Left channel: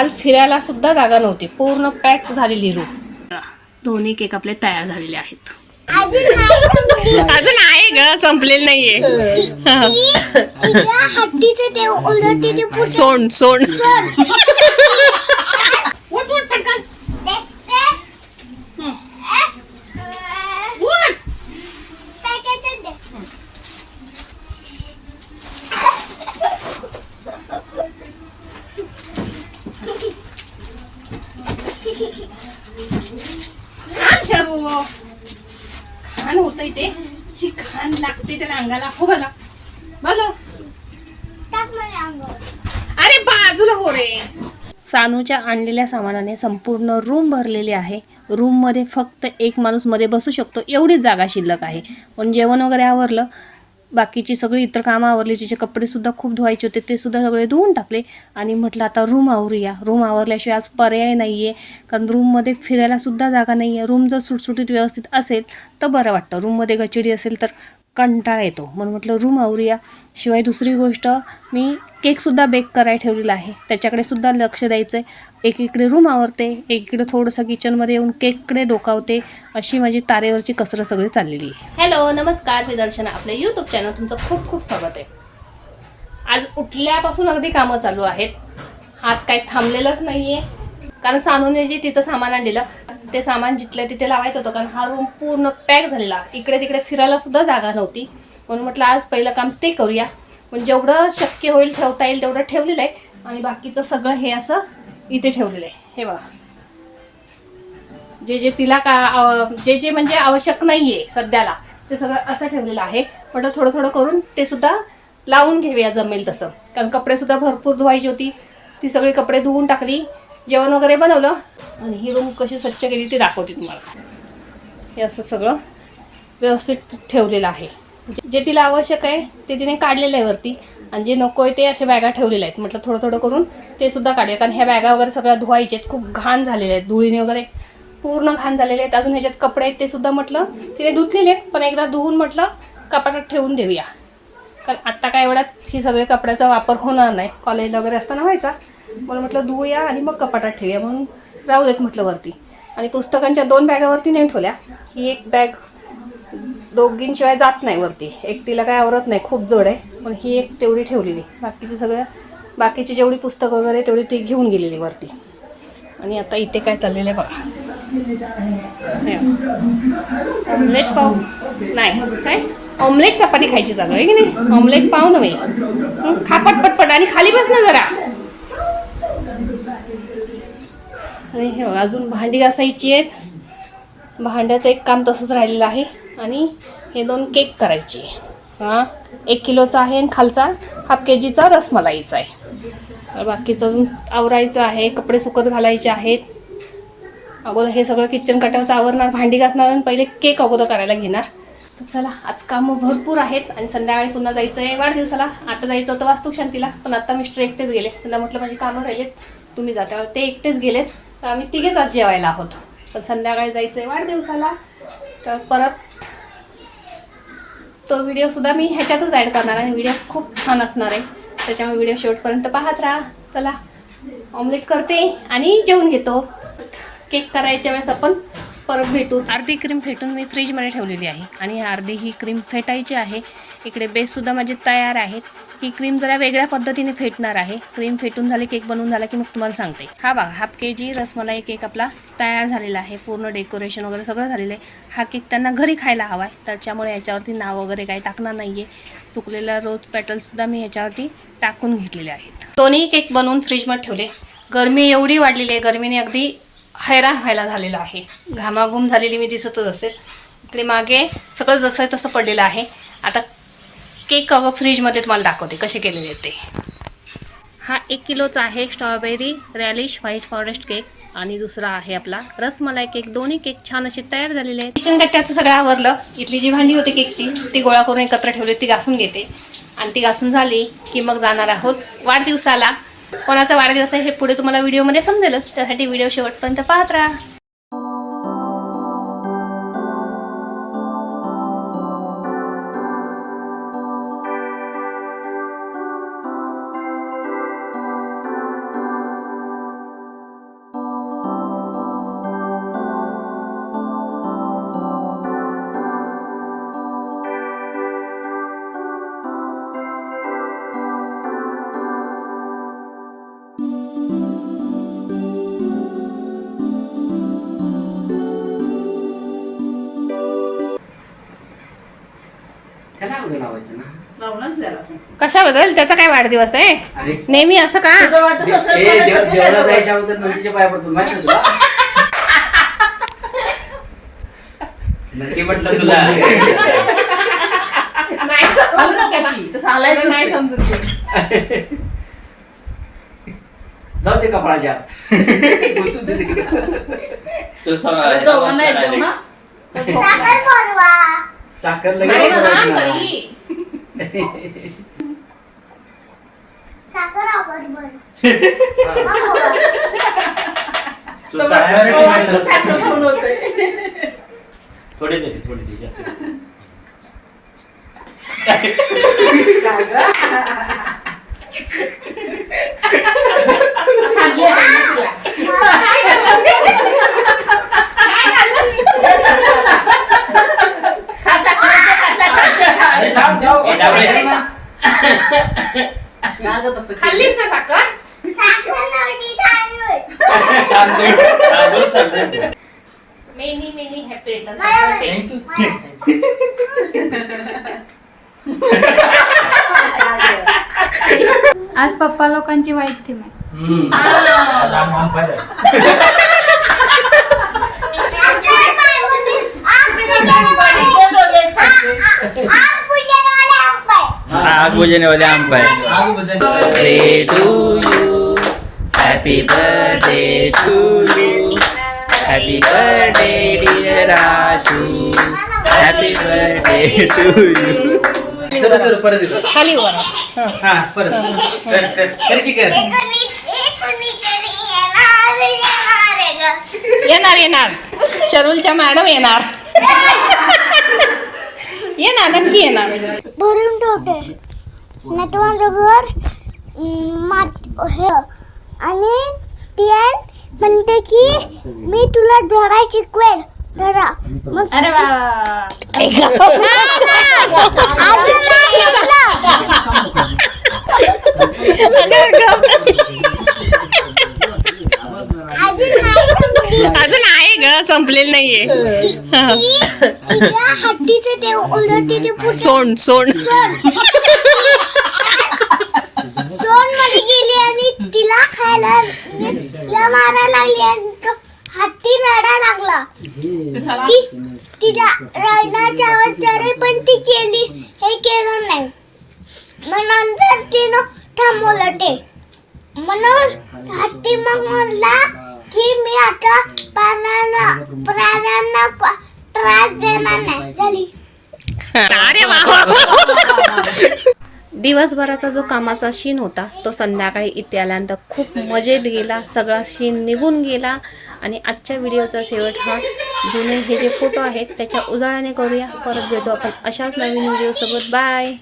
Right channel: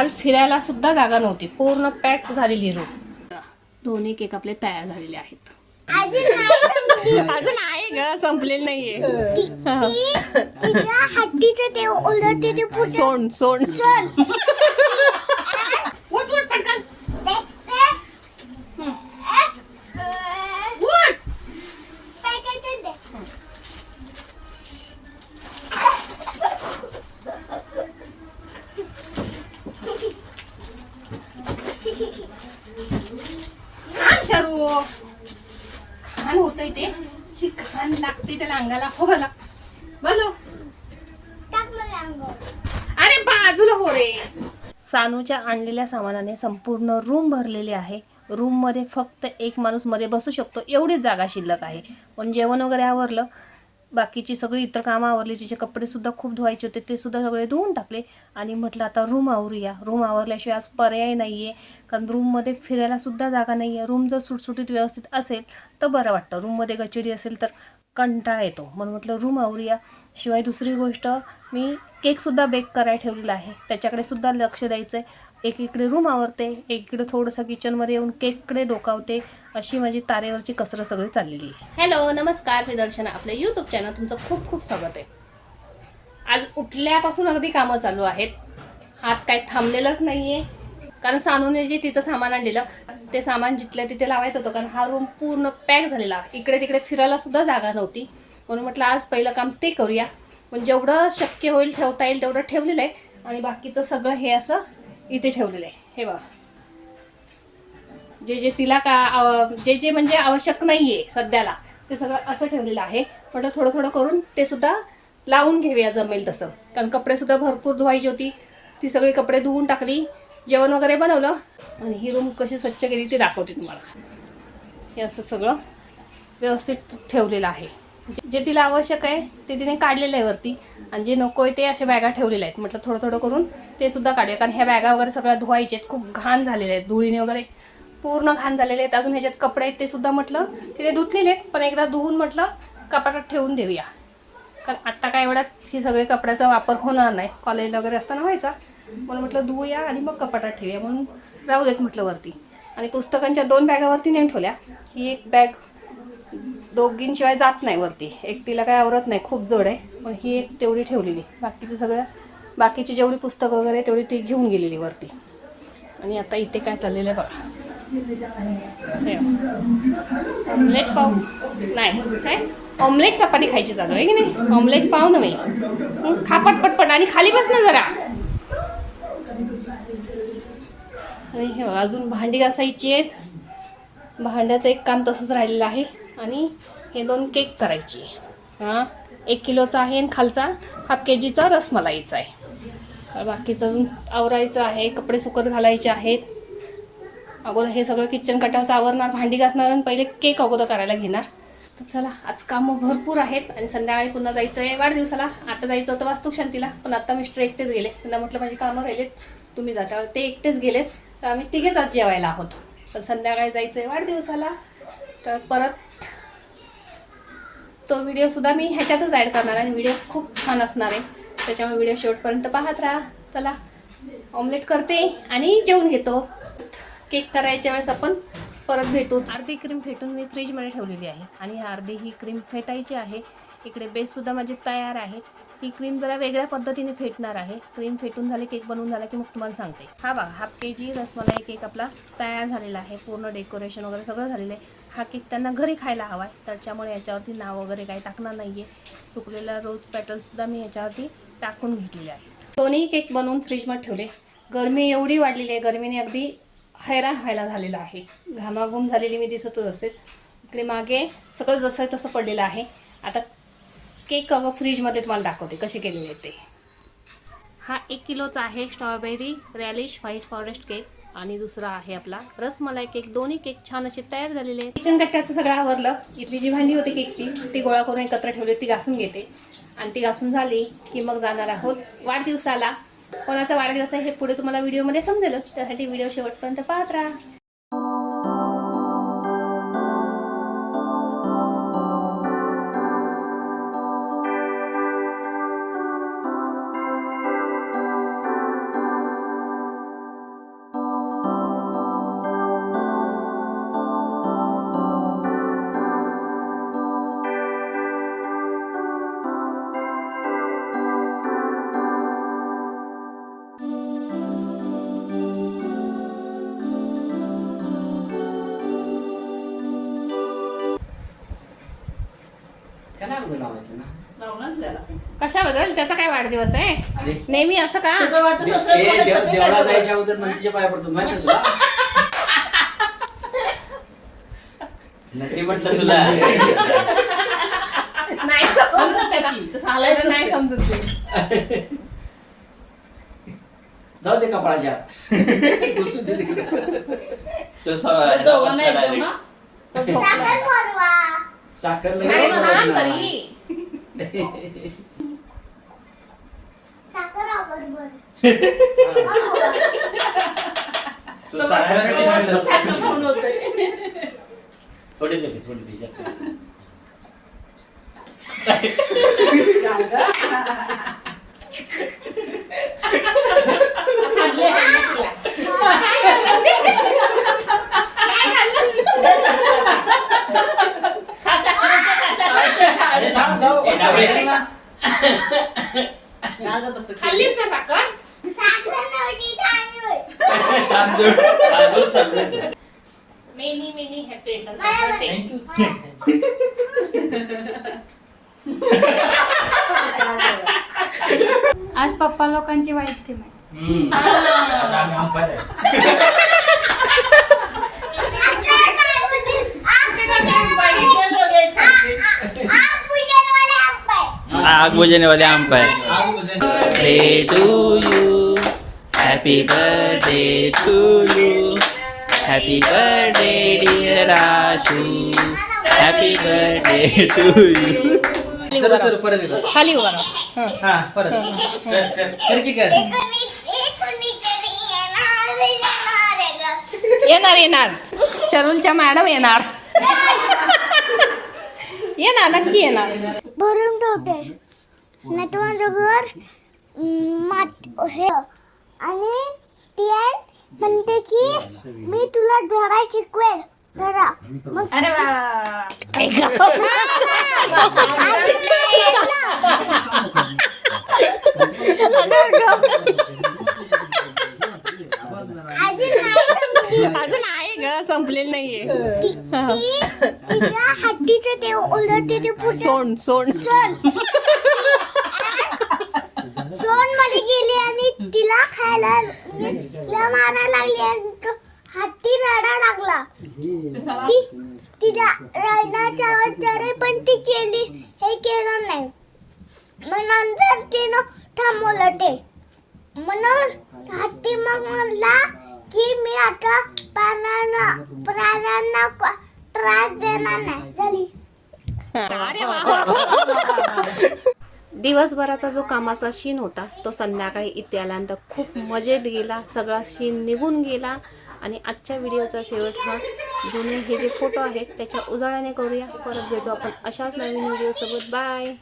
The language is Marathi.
काल फिरायला सुद्धा जागा नव्हती. पूर्ण पॅक झालेली रूम दोन्ही केक आपले तयार झालेले आहेत. अजून आहे ग संपलेलं नाहीये. हा. सोंड. सोंड. शरू खान होत ते. शी खान लागते त्याला अंगाला. हो मला बोलो. अरे बाजूला हो रे. सानूच्या आणलेल्या सामानाने संपूर्ण रूम भरलेली आहे. रूममध्ये फक्त एक माणूसमध्ये बसू शकतो. एवढीच जागा शिल्लक आहे. पण जेवण वगैरे आवरलं बाकीची सगळी इतर कामं आवरली जिचे कपडेसुद्धा खूप धुवायचे होते ते सुद्धा सगळे धुवून टाकले आणि म्हटलं आता रूम आवरूया. रूम आवरल्याशिवाय आज पर्याय नाही आहे कारण रूममध्ये फिरायलासुद्धा जागा नाही आहे रूम जर सुटसुटीत व्यवस्थित असेल तर बरं वाटतं. रूममध्ये गचिडी असेल तर कंटाळा येतो. म्हणून म्हटलं रूम आवरूया. शिवाय दुसरी गोष्ट मी केकसुद्धा बेक करायला ठेवलेला आहे. त्याच्याकडे सुद्धा लक्ष द्यायचं आहे एकीकडे रूम आवरते एकीकडे थोडंसं किचनमध्ये येऊन केककडे डोकावते अशी माझी तारेवरची कसरत सगळी चाललेली आहे. हॅलो नमस्कार मी दर्शना. आपल्या यूट्यूब चॅनल तुमचं खूप खूप स्वागत आहे. आज उठल्यापासून अगदी कामं चालू आहेत. हात काही थांबलेलंच नाही आहे कारण सानूने जे तिचं सामान आणलेलं ते सामान जिथलं तिथे लावायचं होतं कारण हा रूम पूर्ण पॅक झालेला. इकडे तिकडे फिरायला सुद्धा जागा नव्हती. म्हणून म्हटलं आज पहिलं काम ते करूया. पण जेवढं शक्य होईल ठेवता येईल तेवढं ठेवलेलं आहे. आणि बाकीचं सगळं हे असं इथे ठेवलेलं आहे. हे बघा. जे जे तिला का जे जे म्हणजे आवश्यक नाही आहे सध्याला ते सगळं असं ठेवलेलं आहे. म्हटलं थोडं थोडं करून ते सुद्धा लावून घेऊया जमेल तसं. कारण कपडे सुद्धा भरपूर धुवायची होती. ती सगळी कपडे धुवून टाकली. जेवण वगैरे बनवलं आणि ही रूम कशी स्वच्छ केली ती दाखवते तुम्हाला. हे असं सगळं व्यवस्थित ठेवलेलं आहे. जे- जे तिला आवश्यक आहे ते तिने काढलेलं आहे वरती. आणि जे नको आहे ते अशा बॅगा ठेवलेल्या आहेत. म्हटलं थोडं थोडं करून ते सुद्धा काढूया. कारण ह्या बॅगा वगैरे सगळ्या धुवायच्या आहेत. खूप घाण झालेल्या आहेत. धुळीने वगैरे पूर्ण घाण झालेले आहेत. अजून ह्याच्यात कपडे आहेत ते सुद्धा म्हटलं तिने धुतलेले आहेत. पण एकदा धुवून म्हटलं कपाटात ठेवून देऊया. कारण आत्ता काय एवढ्यात ही सगळे कपड्याचा वापर होणार नाही. कॉलेजला वगैरे असताना व्हायचा. म्हणून म्हटलं धुवूया आणि मग कपाटात ठेवूया. म्हणून राहू देत म्हटलं वरती. आणि पुस्तकांच्या दोन बॅगावरती नेऊन ठेवल्या. ही एक बॅग दोघींशिवाय जात नाही वरती. एक तिला काय आवरत नाही. खूप जड आहे. पण ही एक तेवढी ठेवलेली. बाकीची सगळ्या बाकीची जेवढी पुस्तकं वगैरे तेवढी ती घेऊन गेलेली वरती. आणि आता इथे काय चाललेलं आहे बघा. लेट पाहू नाही. काय? ऑमलेट चपाती खायची चालू आहे की नाही? ऑमलेट पाव नव्हे. खा पटपट आणि खाली बस ना जरा. आणि हे अजून भांडी घासायची आहेत. भांड्याचं एक काम तसंच राहिलेलं आहे. आणि हे दोन केक करायचे. हां एक किलोचा आहे आणि खालचा हाफ के जीचा रसमलाईचा आहे. बाकीचं अजून आवरायचं आहे कपडे सुकत घालायचे आहेत. अगोदर हे सगळं किचन कटावचं आवरणार भांडी घासणार आणि पहिले केक अगोदर करायला घेणार. तर चला आज कामं भरपूर आहेत आणि संध्याकाळी पुन्हा जायचं आहे वाढदिवसाला. आता जायचं होतं वास्तुशांतीला पण आता मिस्टर एकटेच गेले. त्यांना म्हटलं माझी कामं राहिलेत तुम्ही जाता. ते एकटेच गेलेत. तर आम्ही तिघेच आज जेवायला आहोत. पण संध्याकाळी जायचं आहे वाढदिवसाला. तर परत तो व्हिडिओ सुद्धा मी ह्याच्यातच ॲड करणार आणि व्हिडिओ खूप छान असणार आहे. त्याच्यामुळे व्हिडिओ शेवटपर्यंत पाहत राहा. चला ऑमलेट करते आणि जेवून घेतो. केक करायच्या वेळेस आपण परत भेटू अर्धी क्रीम फेटून मी फ्रीजमध्ये ठेवलेली आहे. आणि अर्धी ही क्रीम फेटायची आहे. इकडे बेससुद्धा माझे तयार आहेत. ही क्रीम जरा वेगळ्या पद्धतीने फेटणार आहे. क्रीम फेटून झाली केक बनवून झाला की मग तुम्हाला सांगते. हा बघा half K G rasmalai cake आपला तयार झालेला आहे. पूर्ण डेकोरेशन वगैरे सगळं झालेलं आहे. हा केक त्यांना घरी खायला हवा आहे. त्याच्यामुळे याच्यावरती नाव वगैरे काही टाकणार नाही आहे चुकलेला रोज पॅटलसुद्धा मी ह्याच्यावरती टाकून घेतलेले आहेत. दोन्ही केक बनवून फ्रीजमध्ये ठेवले. गरमी एवढी वाढलेली आहे. गरमीने अगदी हैराण व्हायला झालेलं आहे. घामाघूम झालेली मी दिसतच असेल. इकडे मागे सगळं जसं तसं पडलेलं आहे. आता केक अगं फ्रीजमध्ये तुम्हाला दाखवते कसे केलेले ते. हा एक किलोचा आहे strawberry relish white forest cake आणि दुसरा आहे आपला रसमलाई केक. दोन्ही केक छान असे तयार झालेले आहेत. किचन कट्ट्याचं सगळं आवरलं. इथली जी भांडी होती केकची ती गोळा करून एकत्र ठेवली ती घासून घेते. आणि ती घासून झाली की मग जाणार आहोत वाढदिवसाला. कोणाचा वाढदिवस आहे हे पुढे तुम्हाला व्हिडिओमध्ये समजेलच. त्यासाठी व्हिडिओ शेवटपर्यंत पाहत राहा. कशाबद्दल? त्याचा काय वाढदिवस आहे? नेहमी असं का? देवाला जायच्या अगोदर नदीच्या पाया पडतो माहिती आहे तुला? नक्की म्हटलं तुला. नाही समजत. नाही समजत ते. जाऊ दे कपाळाच्या. दे बसला direct. तो. साखर थोडे थोडे जास्त तांदूळ. तांदूळ चालणार many many happy returns thank you आज पप्पा लोकांची वाईट आग बुझने वाले आम का आग बुझने वाले Happy birthday to you. Happy birthday dear Ashu. Happy birthday to you. खाली उभा राहा. एकोणीस- एकोणीसरी येणार, येणार ग. येणार येणार चरुलच्या मॅडम येणार येणार नक्की येणार भरून ठेवते नाही तर माझं घर अं, मात हे आणि ती म्हणते की मी तुला धडा शिकवेल. धडा मग अरे वा अजून नाही अजून नाही अजून आहे ग संपलेलं नाहीये. हा. ती तिच्या हत्तीचं ते उलट ते पुस्तक सोंड सोंड. दोन मध्ये गेली आणि तिला खायला तिला मारायला लागली आणि तो हत्ती रडा लागला ती तिला रडण्याची आवाज तरी पण ती केली हे केलं नाही मग नंतर तिनं थांबवलं ते म्हणून हत्ती मग म्हणला की मी आता प्राण्यांना प्राण्यांना प- त्रास देणार नाही झाली अरे वा वा, वा. दिवसभराचा जो कामाचा शीन होता तो संध्याकाळी इथे आल्यानंतर खूप मजेत गेला. सगळा शीन निघून गेला. आणि आजच्या व्हिडिओचा शेवट हा. जुने हे जे फोटो आहेत त्याच्या उजाळ्याने करूया. परत भेटू आपण अशाच नवीन व्हिडिओसोबत. बाय!